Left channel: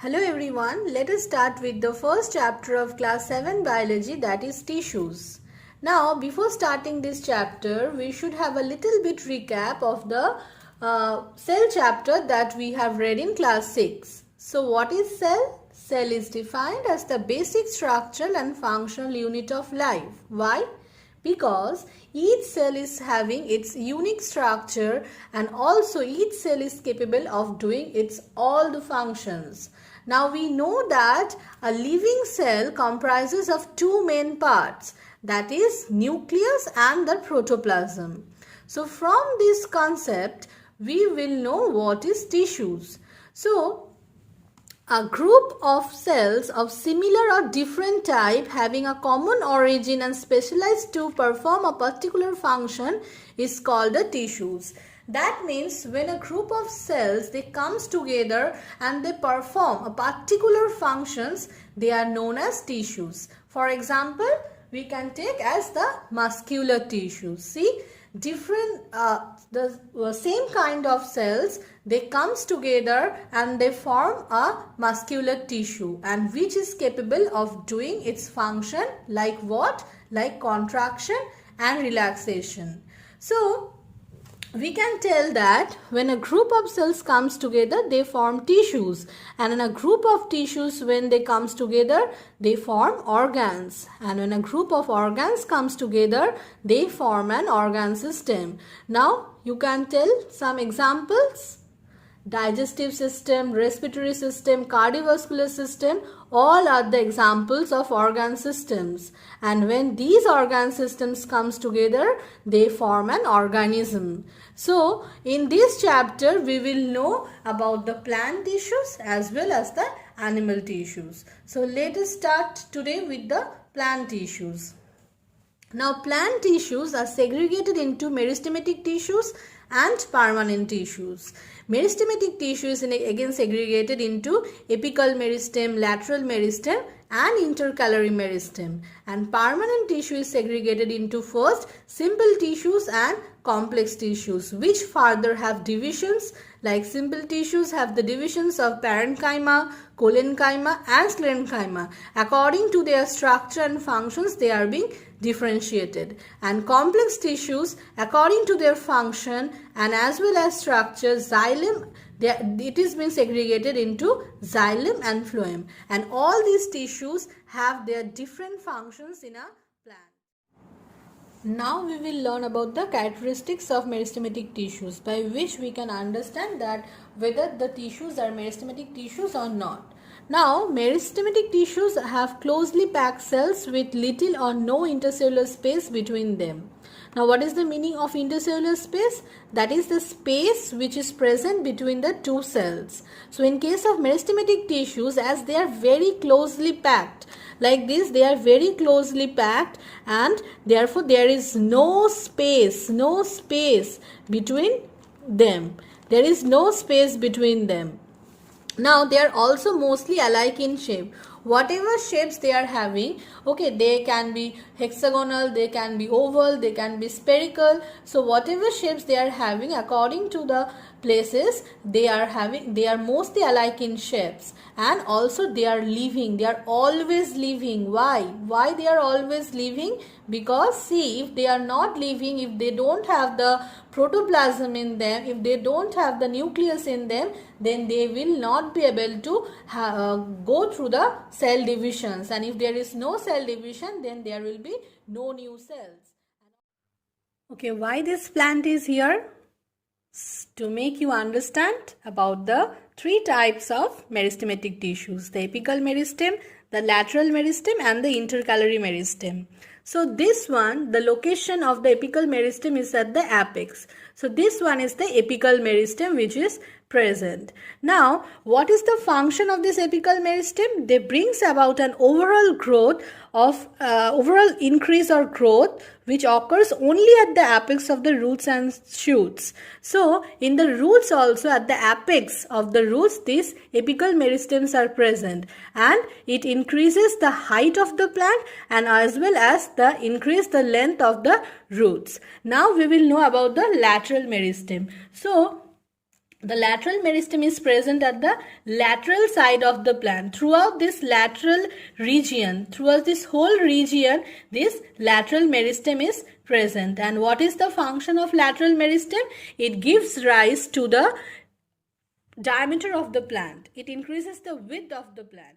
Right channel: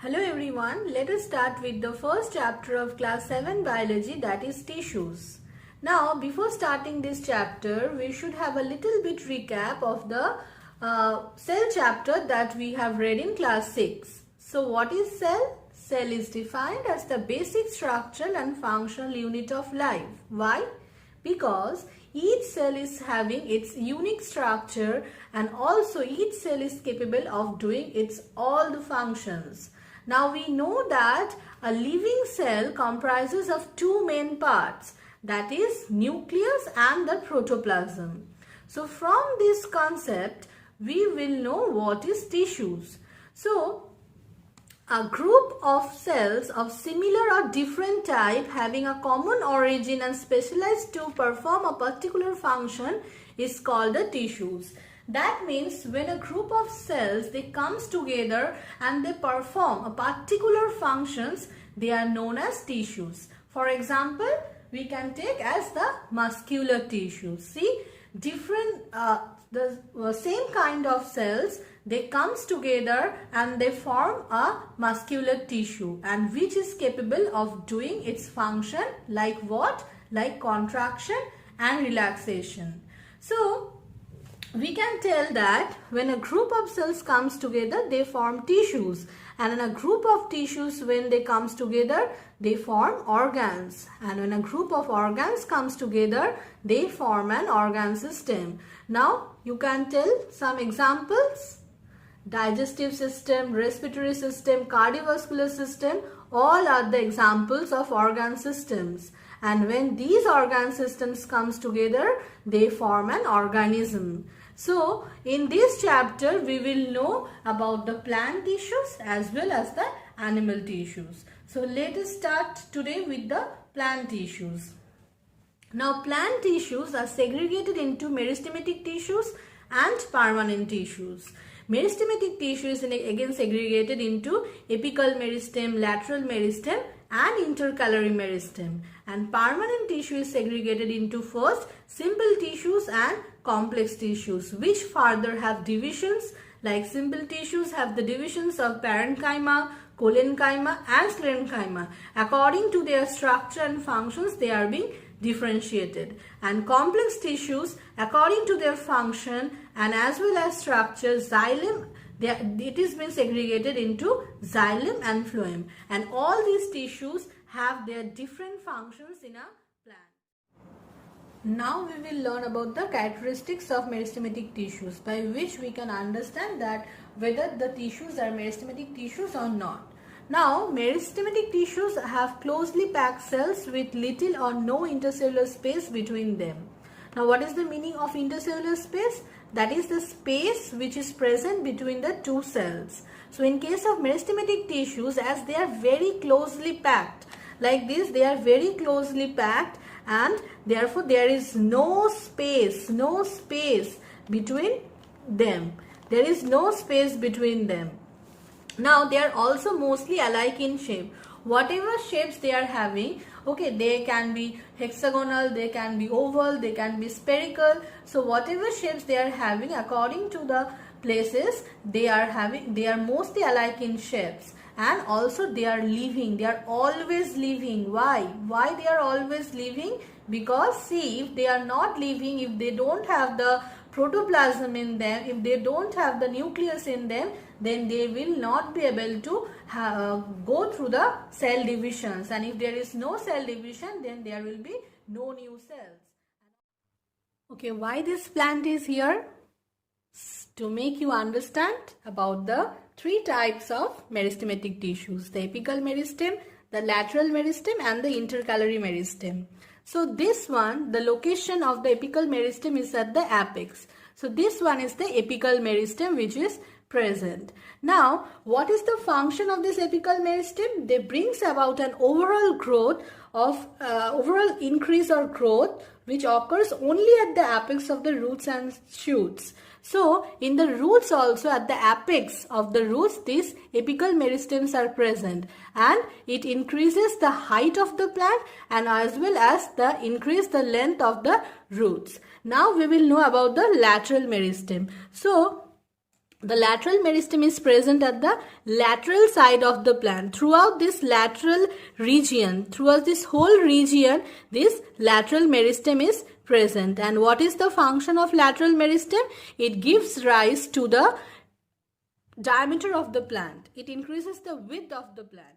Hello everyone, let us start with the first chapter of class 7 biology, that is tissues. Now before starting this chapter, we should have a little bit recap of the cell chapter that we have read in class 6. So what is cell? Cell is defined as the basic structural and functional unit of life. Why? Because each cell is having its unique structure and also each cell is capable of doing its all the functions. Now we know that a living cell comprises of two main parts, that is nucleus and the protoplasm. So from this concept we will know what is tissues. So a group of cells of similar or different type having a common origin and specialized to perform a particular function is called the tissues. That means when a group of cells they comes together and they perform a particular functions, they are known as tissues. For example, we can take as the muscular tissue. See, different the same kind of cells, they comes together and they form a muscular tissue, and which is capable of doing its function like what? Like contraction and relaxation. So we can tell that when a group of cells comes together, they form tissues, and in a group of tissues, when they comes together, they form organs, and when a group of organs comes together, they form an organ system. Now you can tell some examples: digestive system, respiratory system, cardiovascular system, all are the examples of organ systems. And when these organ systems comes together, they form an organism. So in this chapter we will know about the plant tissues as well as the animal tissues. So let us start today with the plant tissues. Now plant tissues are segregated into meristematic tissues and permanent tissues. Meristematic tissue is again segregated into apical meristem, lateral meristem and intercalary meristem, and permanent tissue is segregated into first simple tissues and complex tissues, which further have divisions. Like simple tissues have the divisions of parenchyma, collenchyma and sclerenchyma. According to their structure and functions, they are being differentiated, and complex tissues according to their function and as well as structure, xylem, it is been segregated into xylem and phloem, and all these tissues have their different functions in a plant. Now we will learn about the characteristics of meristematic tissues, by which we can understand that whether the tissues are meristematic tissues or not. Now, meristematic tissues have closely packed cells with little or no intercellular space between them. Now, what is the meaning of intercellular space? That is the space which is present between the two cells. So, in case of meristematic tissues, as they are very closely packed, like this, they are very closely packed, and therefore there is no space between them. There is no space between them. Now they are also mostly alike in shape. Whatever shapes they are having, okay, they can be hexagonal, they can be oval, they can be spherical. So whatever shapes they are having, according to the places they are having, they are mostly alike in shapes, and also they are living. They are always living. Why they are always living? Because see, if they are not living, if they don't have the protoplasm in them, if they don't have the nucleus in them, then they will not be able to go through the cell divisions, and if there is no cell division, then there will be no new cells. Okay, why this plant is here? To make you understand about the three types of meristematic tissues: the apical meristem, the lateral meristem and the intercalary meristem. So this one, the location of the apical meristem is at the apex. So this one is the apical meristem which is present. Now, what is the function of this apical meristem? They brings about an overall growth of overall increase or growth which occurs only at the apex of the roots and shoots. So, in the roots also, at the apex of the roots, these apical meristems are present, and it increases the height of the plant and as well as the increase the length of the roots. Now, we will know about the lateral meristem. So, the lateral meristem is present at the lateral side of the plant. Throughout this lateral region, throughout this whole region, this lateral meristem is present. And what is the function of lateral meristem? It gives rise to the diameter of the plant. It increases the width of the plant.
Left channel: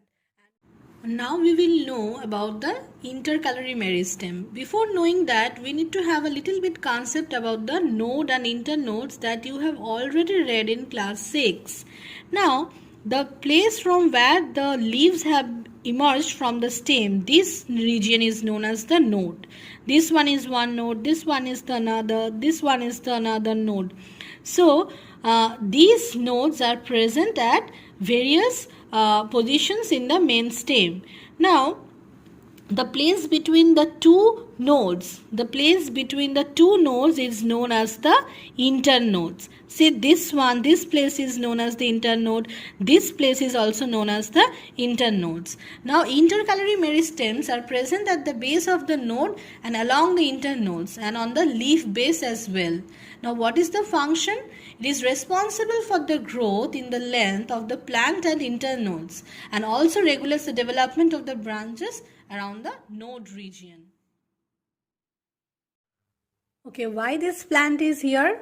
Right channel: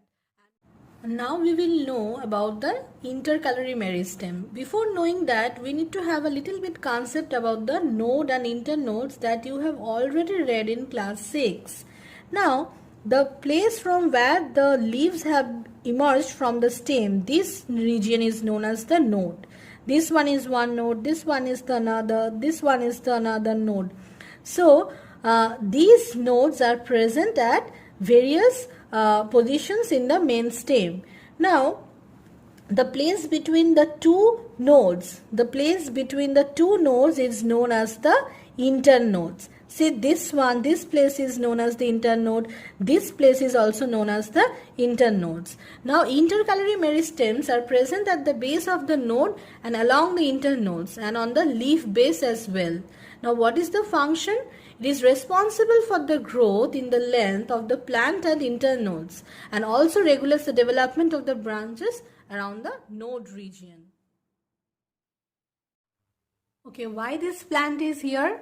Now we will know about the intercalary meristem. Before knowing that, we need to have a little bit concept about the node and internodes that you have already read in class 6. Now, the place from where the leaves have emerged from the stem, this region is known as the node. This one is one node, this one is the another, this one is the another node. So, these nodes are present at various positions in the main stem. Now, the place between the two nodes, is known as the internodes. See, this place is known as the internode. This place is also known as the internodes. Now, intercalary meristems are present at the base of the node and along the internodes and on the leaf base as well. Now, what is the function? It is responsible for the growth in the length of the plant and internodes and also regulates the development of the branches around the node region. Okay, why this plant is here?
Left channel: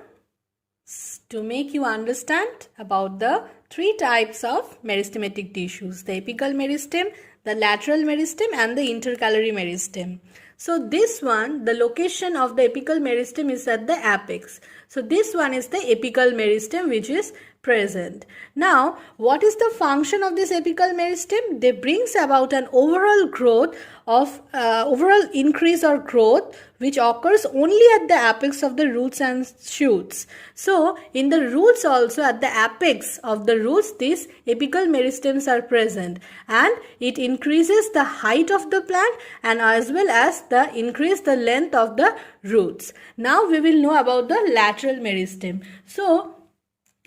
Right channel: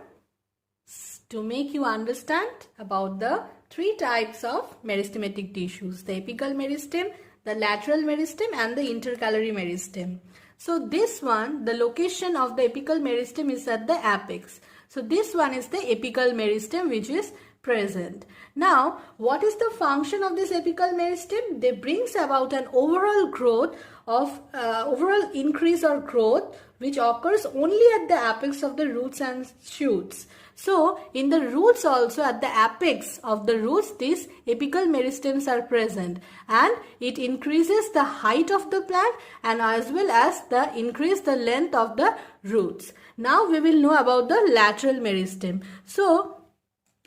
To make you understand about the three types of meristematic tissues: the apical meristem, the lateral meristem and the intercalary meristem. So this one, the location of the apical meristem is at the apex. So this one is the apical meristem which is present. Now, what is the function of this apical meristem? They brings about an overall growth of overall increase or growth which occurs only at the apex of the roots and shoots. So, in the roots also, at the apex of the roots, these apical meristems are present, and it increases the height of the plant and as well as increase the length of the roots. Now, we will know about the lateral meristem. So,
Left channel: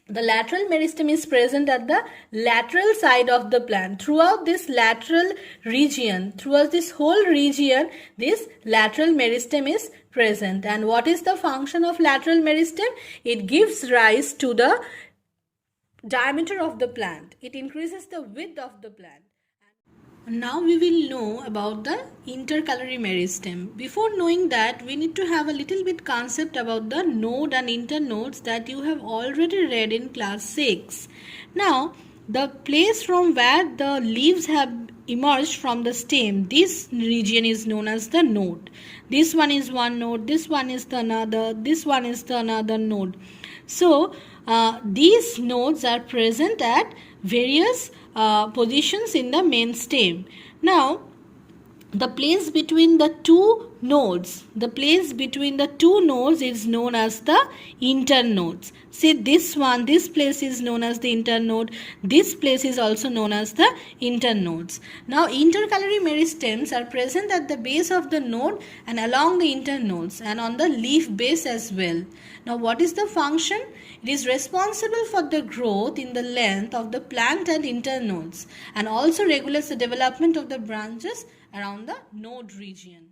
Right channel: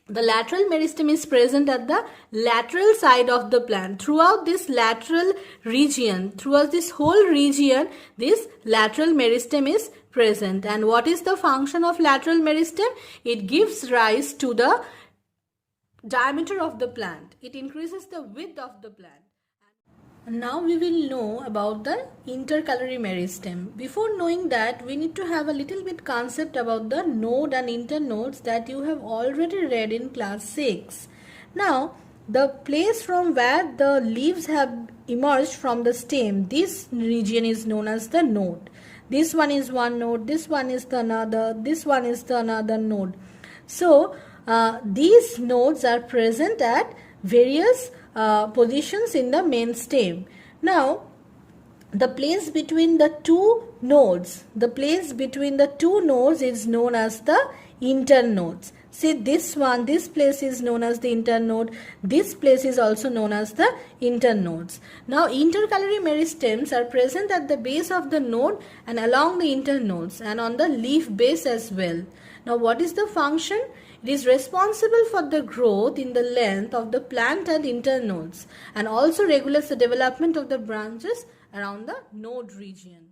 the lateral meristem is present at the lateral side of the plant. Throughout this lateral region, throughout this whole region, this lateral meristem is present. And what is the function of lateral meristem? It gives rise to the diameter of the plant. It increases the width of the plant. Now we will know about the intercalary meristem. Before knowing that, we need to have a little bit concept about the node and internodes that you have already read in class 6. Now, the place from where the leaves have emerged from the stem, this region is known as the node. This one is one node, this one is the another, this one is the another node. So, these nodes are present at various positions in the main stem. Now, the place between the two nodes, is known as the internodes. See, this place is known as the internode. This place is also known as the internodes. Now, intercalary meristems are present at the base of the node and along the internodes and on the leaf base as well. Now, what is the function? It is responsible for the growth in the length of the plant and internodes and also regulates the development of the branches around the node region.